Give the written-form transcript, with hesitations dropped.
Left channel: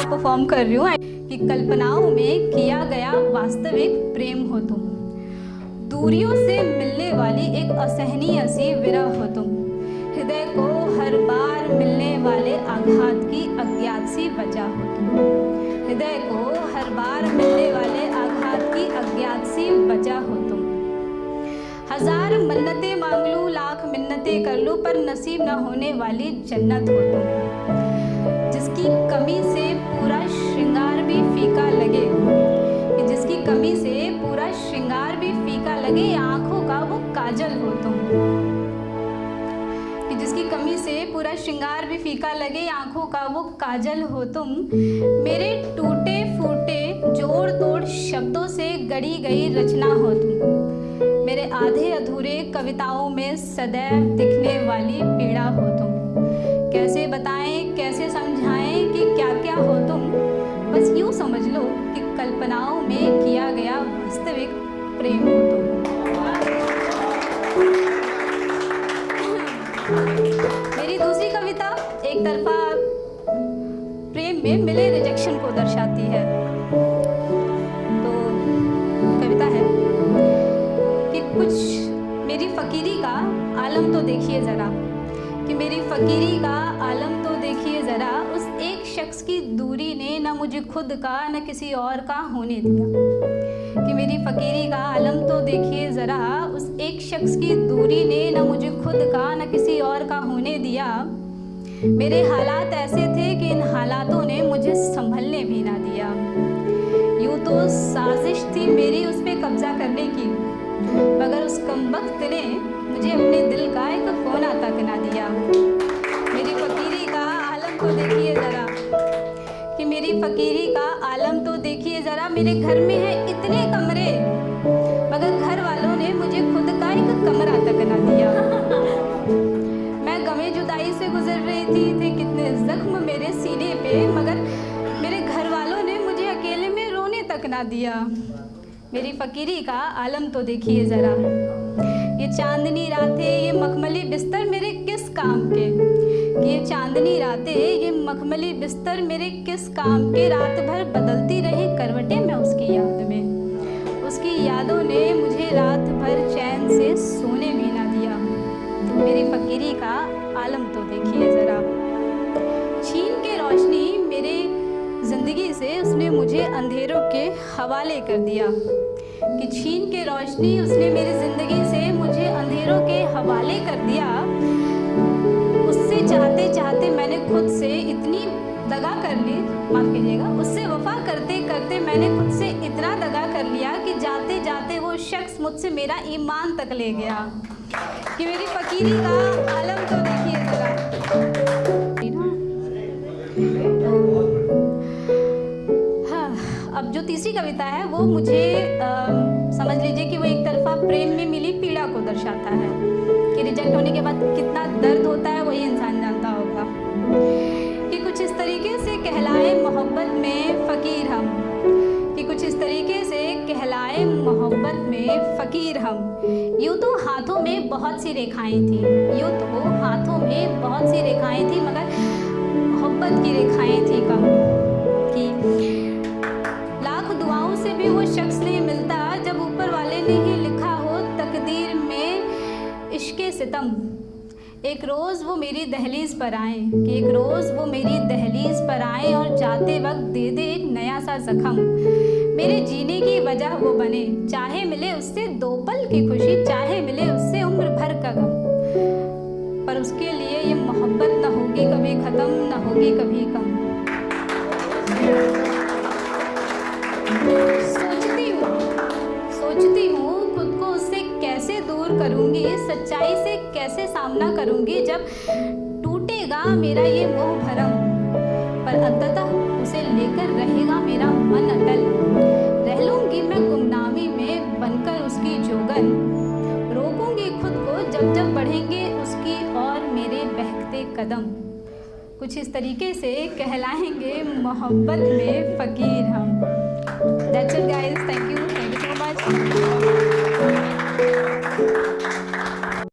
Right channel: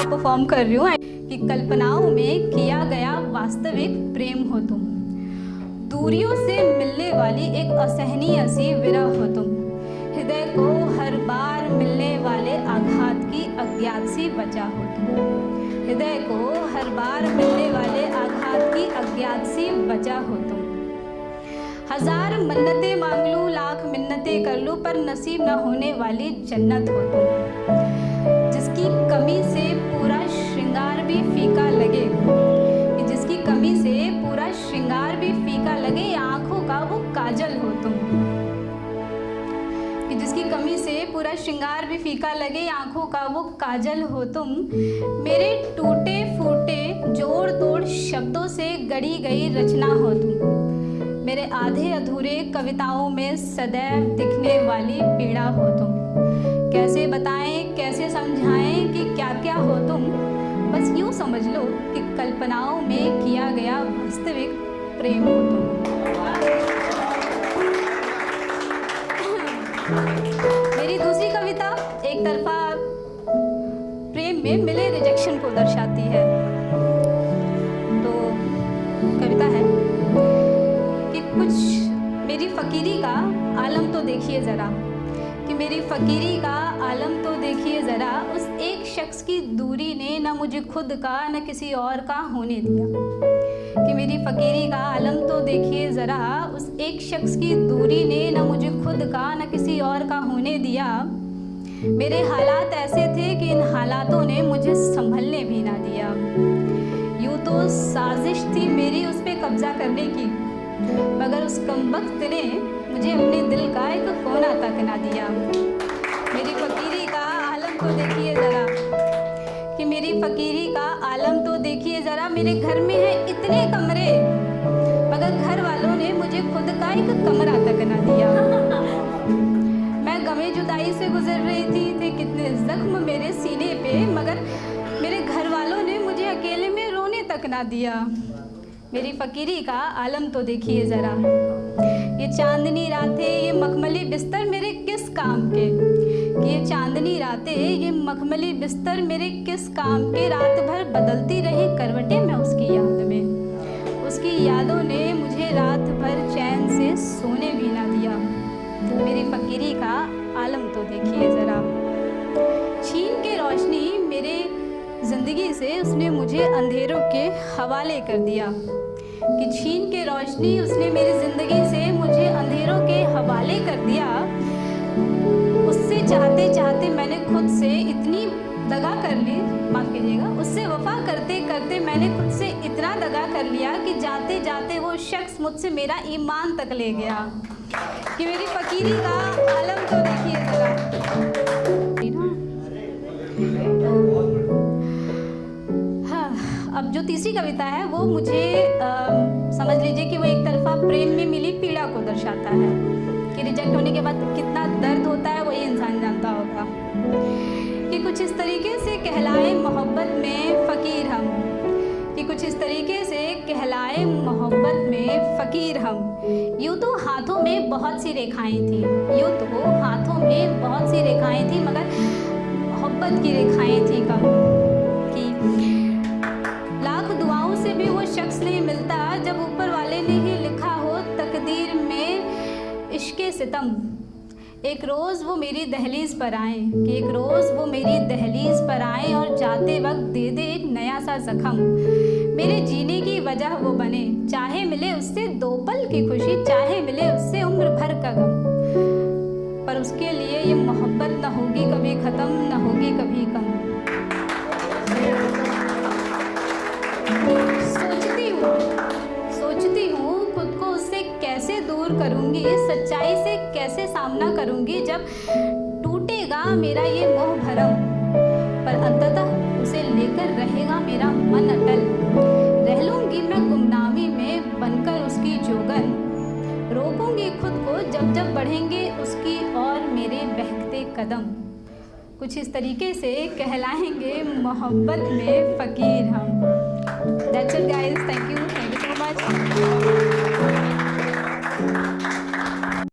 Perform कर रही हूँ कि कल्पनाओं में किया गया वास्तविक प्रेम हो तुम, दूरियों से मिलने वाली एक असहनीय सी विरह हो तुम, हृदय को हर बार मिलने वाले आघात की अज्ञात सी वजह हो तुम, हृदय को हर बार मिलने वाले आघात की अज्ञात सी वजह हो तुम। हजार मन्नतें मांग लूं, लाख मिन्नतें कर लूं, पर नसीब न होने वाली जन्नत हो तुम, जिसकी कमी से पूरा श्रृंगार भी फीका लगे, कि जिसकी कमी से पूरा श्रृंगार भी फीका लगे, आंखों का वो काजल हो तुम, कि जिसकी कमी से पूरा श्रृंगार भी फीका लगे, आंखों का वो काजल हो तुम। मेरे टूटे फूटे जोड़ तोड़ शब्दों से गढ़ी गई रचना हो तुम, मेरे आधे अधूरे कविताओं में सदैव दिखने वाली पीड़ा हो तुम। कैसे बताएं, कैसे समझाएं कि क्या क्या हो तुम, बस यूँ समझ लो कि कल्पनाओं में किया गया वास्तविक प्रेम हो तुम। मेरी दूसरी कविता एक तरफा प्रेम में मिले रिजेक्शन को दर्शाती है। तो कविता है कि कुछ मेरी फ़कीरी का आलम तो देखिए ज़रा, कि मेरी फ़कीरी का आलम तो देखिए ज़रा, उस एक शख्स की दूरी ने न मुझे खुद का न किसी और का होने दिया, कि मेरी फ़कीरी का आलम तो देखिए ज़रा, उस एक शख्स की दूरी ने न मुझे खुद का न किसी और का होने दिया। मेरे हालात ऐसे थे कि इन हालातों ने मुझे संभलने भी ना दिया, यूँ तो साजिश थी मेरी उस पर कब्ज़ा करने की, मगर उस कमबख्त ने मुझे अपने दिल का एक कोना तक ना दिया। मेरी फ़कीरी का आलम तो देखिए ज़रा, कि मेरी फ़कीरी का आलम तो देखिए ज़रा, मेरे घर में है इतने कमरे, मगर घर वालों ने मुझे खुद का एक कमरा तक ना दिया। मैं गमे जुदाई से गुजर रही थी कितने ज़ख्म मेरे सीने पे, मगर मेरे घर वालों ने मुझे अकेले में रोने तक ना दिया। मेरी फ़कीरी का आलम तो देखिए ज़रा, ये चांदनी रातें, ये मखमली बिस्तर मेरे किस काम के, कि ये चांदनी रातें, ये मखमली बिस्तर मेरे किस काम के, रात भर बदलती रही करवटें मैं उसकी याद में, उसकी यादों ने मुझे रात भर चैन से सोने भी ना दिया। मेरी फ़कीरी का आलम तो देखिए ज़रा, छीन के रोशनी मेरे ज़िंदगी से उसने मुझे अंधेरों के हवाले कर दिया, कि छीन के रोशनी उसने मेरी ज़िंदगी से मुझे अंधेरों के हवाले कर दिया। उससे चाहते चाहते मैंने खुद से इतनी दगा कर ली, माफ़ कीजिएगा, उससे वफ़ा करते करते मैंने खुद से इतना दगा कर लिया कि जाते जाते वो शख्स मुझसे मेरा ईमान तक ले गया। कि मेरी फ़कीरी का आलम तो देखिए ज़रा। अब जो तीसरी कविता है वो मुझे समझ लीजिए कि वो एक तरफा प्रेम में मिली पीड़ा को दर्शाता है, कि रिजेक्ट होने के बाद कितना दर्द होता है वही इंसान जानता होगा। कि कुछ इस तरीके से कहलाए मोहब्बत में फ़कीर हम, कि कुछ इस तरीके से कहलाए मोहब्बत में फ़कीर हम, यूँ तो हाथों में बहुत सी रेखाएं थी, यूँ तो हाथों में बहुत सी रेखाएं थी, मगर मोहब्बत की रेखाएं थी कम। कि लाख दुआओं से भी वो शख्स नहीं मिलता जब ऊपर वाले ने ही लिखा हो तकदीर में इश्क़े सितम। एक रोज़ वो मेरी दहलीज़ पर आए, कि एक रोज़ वो मेरी दहलीज़ पर आए और जाते वक्त दे दे एक नया सा ज़ख्म, मेरे जीने की वजह वो बने, चाहे मिले उससे 2 पल की खुशी, चाहे मिले उससे उम्र भर का गम, पर उसके लिए ये मोहब्बत न होगी कभी ख़त्म, न होगी कभी कम। सोचती हूँ खुद को उससे कैसे दूर करूँगी, सच्चाई से कैसे सामना करूँगी जब टूटेगा मेरा ये मोह भरम, पर अंततः उसे लेकर रहेगा मेरा मन अटल। रह लूँगी मैं गुमनामी में बनकर उसकी जोगन, रोकूँगी खुद को जब जब बढ़ेंगे उसकी और मेरे बहकते कदम। कुछ इस तरीके से कहलाएंगे मोहब्बत में फ़कीर हम। That's it guys, thank you so much.